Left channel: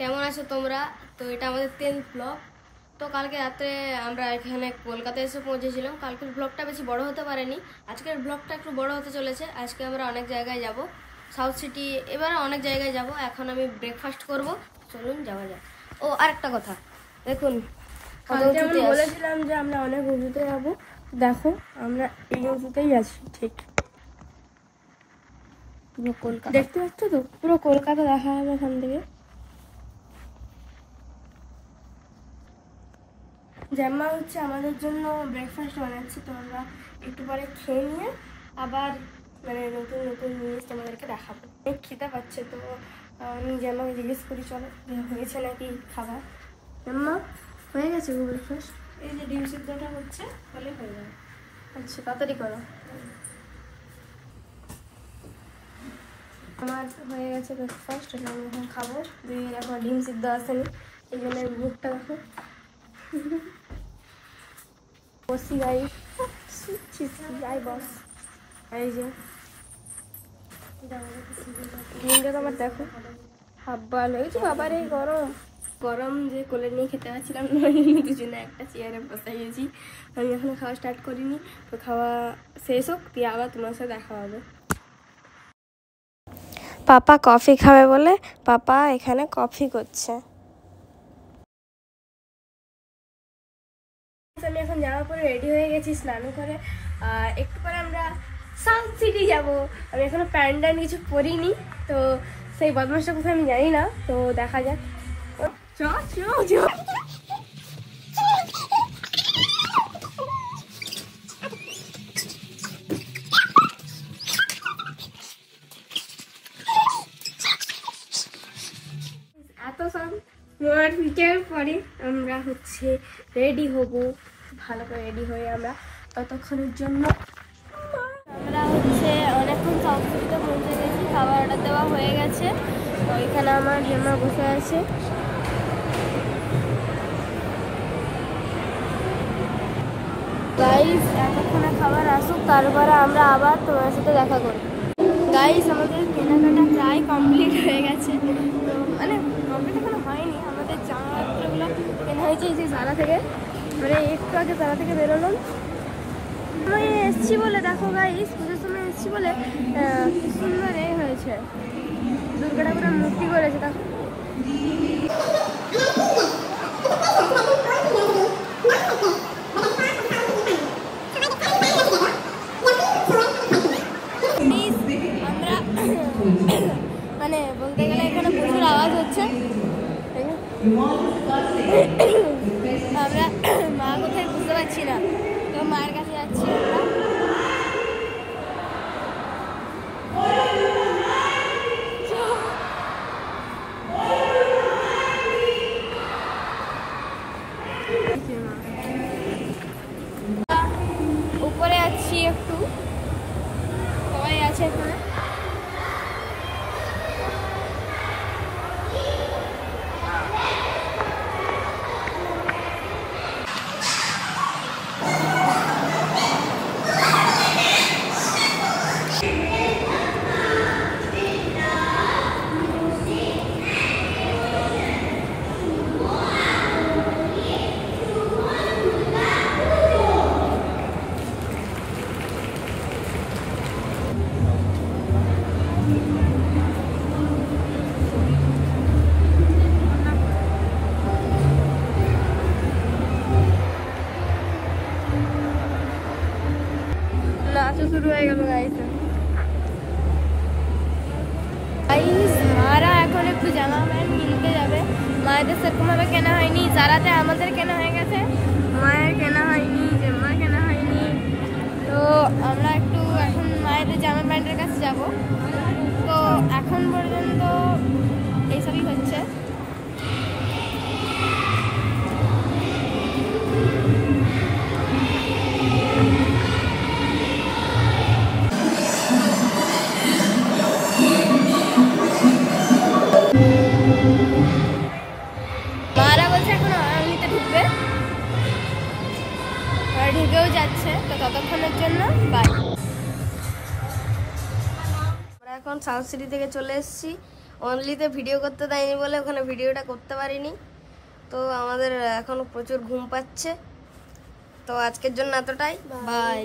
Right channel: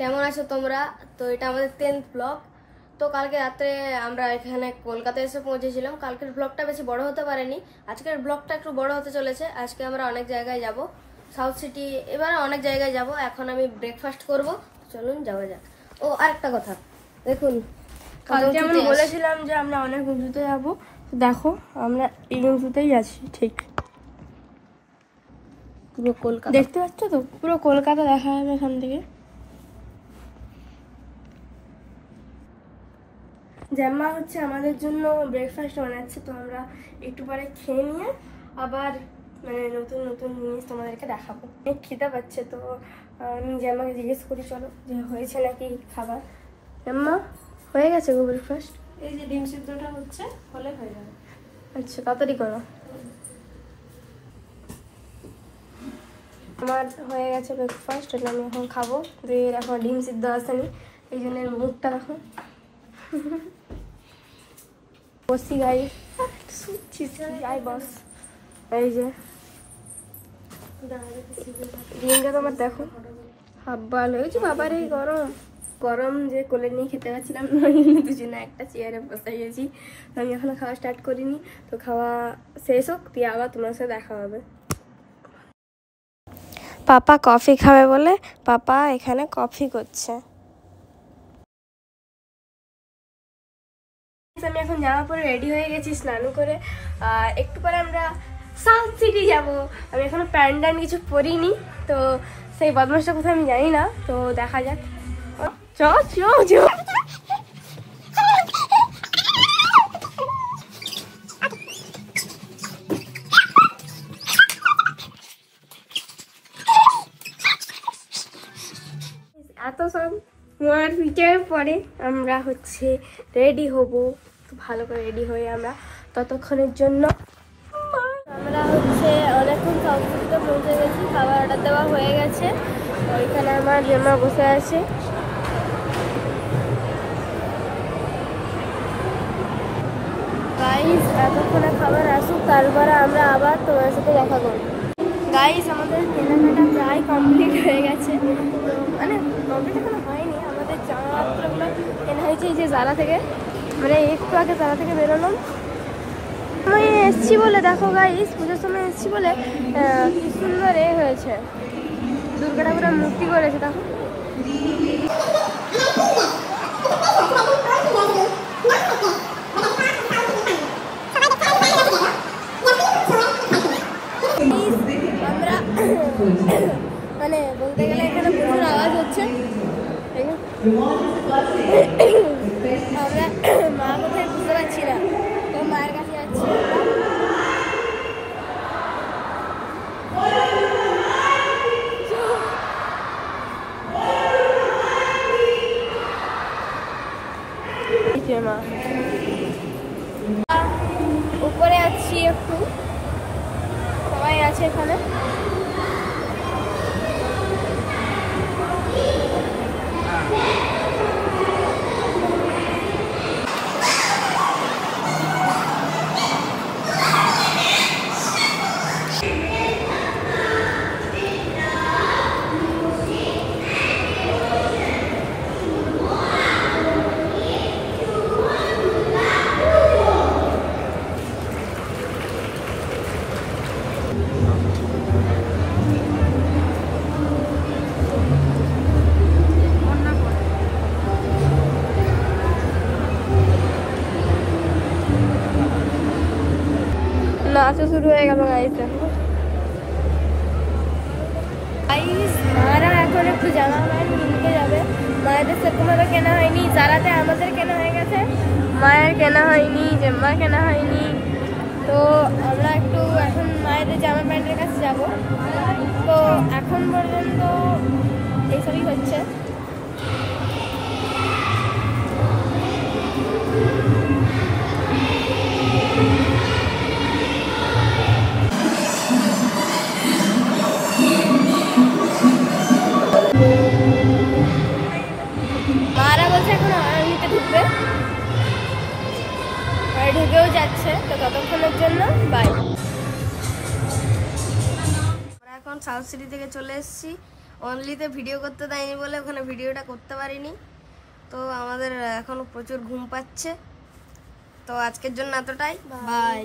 কেমন আছো তোমরা? তো এটা আমাদের 10th ব্লগ। তো কালকে রাত্রে আমরা এখানে কলকাতায় এসে পৌঁছেছিলাম। কালকের ব্লগটা বেশি বড় হতে পারেনি, আজকের ব্লগটা একটু বড় হতে চলেছে। আজকে আমরা অনেক জায়গায় যাব, সাউথ সিটি, এবারে অনেক জায়গায় যাব। এখন আমি ব্রেকফাস্ট করব, চলুন যাওয়া যাক। ও আরেকটা কথা, দেখুন বলেছিলাম যে আমরা অনেক উঁচুতে যাব, দেখো আমরা এই উঁচুতেই আছি। ঠিক পুরো কলকাতা দেখতে পাচ্ছ তো, পুরো কলকাতা দেখা যাবে এখান থেকে। জ্যাম্মা হচ্ছে আমাদের জন্য ব্রেকফাস্ট বানাচ্ছে, তো আমরা একটু পরে খেয়ে নিয়ে আবার মানে নতুন নতুন জিনিস তোমাদেরকে দেখাবো। খিদে পাচ্ছে, তো আমি জ্যাম্মাকে জিজ্ঞেস করি চলো যে হয়েছে নাকি খাবার। জ্যাম্মা হয়ে গেছে গো ব্রেকফাস্ট? এই যে ডিম সিদ্ধটা হচ্ছে, হলে হয়ে যাবে। আচ্ছা তাড়াতাড়ি করো। আমার হয়ে গেছে ব্রেকফাস্ট, এটা আমি এখন খাবো। এখন ডিম সিদ্ধ আসেনি, এই জন্য মুখটা দেখো। বসি গাই, এই যে ডিমটা তোমার দেখো হাব্বা লেগেছে। বাবারে গরম গরম যে কোলে নিয়ে খেতে পারছিলাম না, দুজনে একটা চেয়ারে বসে গেছি। আমি এখনো খাওয়া স্টার্ট করিনি, তো খাওয়া শেষ হোক দিয়ে আবার তোমার সাথে দেখা হবে। পাপা কফি খাবে বলে পাপা এখানে কফি করছে। আমি এখন জামা পরে রেডি হয়ে গেছি, স্নান করে। আর একটু পরে আমরা সাউথ সিটি যাব। আমি এখনো প্যান্ট কিছু পরিনি, তো সেই বদমাসটা কোথায় আমি জানি না, তো দেখা যাক। চ চ চ এত সব মোয়ার ভিডিওর পরে আমরা হচ্ছে রেডি হব। ভালো করে রেডি হয়ে আমরা ততক্ষণের জন্য আমরা হচ্ছে অনেকক্ষণ সাউথ সিটিতে পৌঁছে গেছি। খাবার অর্ডার দেওয়া হয়ে গেছে, ওইখানে আমার জেমা বসে আছে। গাইস এতক্ষণে খাবার আসুক, তারপরে আমরা আবার তোমার সাথে দেখা যাবে। গাইস আমাদের কেনাকাটা প্রায় কমপ্লিট হয়ে গেছে, তো মানে কমপ্লিট এখনো হয়নি। আমাদের জামাকাপড়গুলো কেনা হয়েছে এই যে জারা থেকে, মানে একটু আগে জারা থেকে বেরোলাম। আমি এসছি বলে দেখো গাইস, পুজোর সময় এসছি বলে কি সুন্দর এ হয়েছে, দুর্গা ঠাকুরের মূর্তি করেছে দেখো। আমরা মানে বলতে গেলে এখানে প্রচুর আওয়াজ হচ্ছে। আমরা মা কোথায় বুঝতে পারছি না, তো মায়ের কাছে যাচ্ছি আমরা। উপরে আছি, একটু সবাই আছে এখানে। নাচা শুরু হয়ে গেল গাইছে। মারা এখন একটু জামা প্যান্ট কিনতে যাবে। মায়েদের সেরকমভাবে কেনা হয়নি, জারাতে আমাদের কেনা হয়ে গেছে, মায়ের কেনা হয়নি, জেম্মার কেনা হয়নি। তো আমরা একটু এখন মায়েদের জামা প্যান্টের কাছে যাব। তো এখন পর্যন্ত এইসবই হচ্ছে। মারা বলছে এখন আড়ালিতে ঢুকবে, ঢুকেও যাচ্ছে। তো ততক্ষণের জন্য বাই। আমরা এখন সাউথ সিটি থেকে চলে এসেছি, অনলিতে ভিডিও করতে দেয়নি বলে ওখানে ভিডিওটা করতে পারিনি। তো আমাদের এখনো প্রচুর ঘুম পাচ্ছে। তো আজকের জন্য এতটাই, বাই।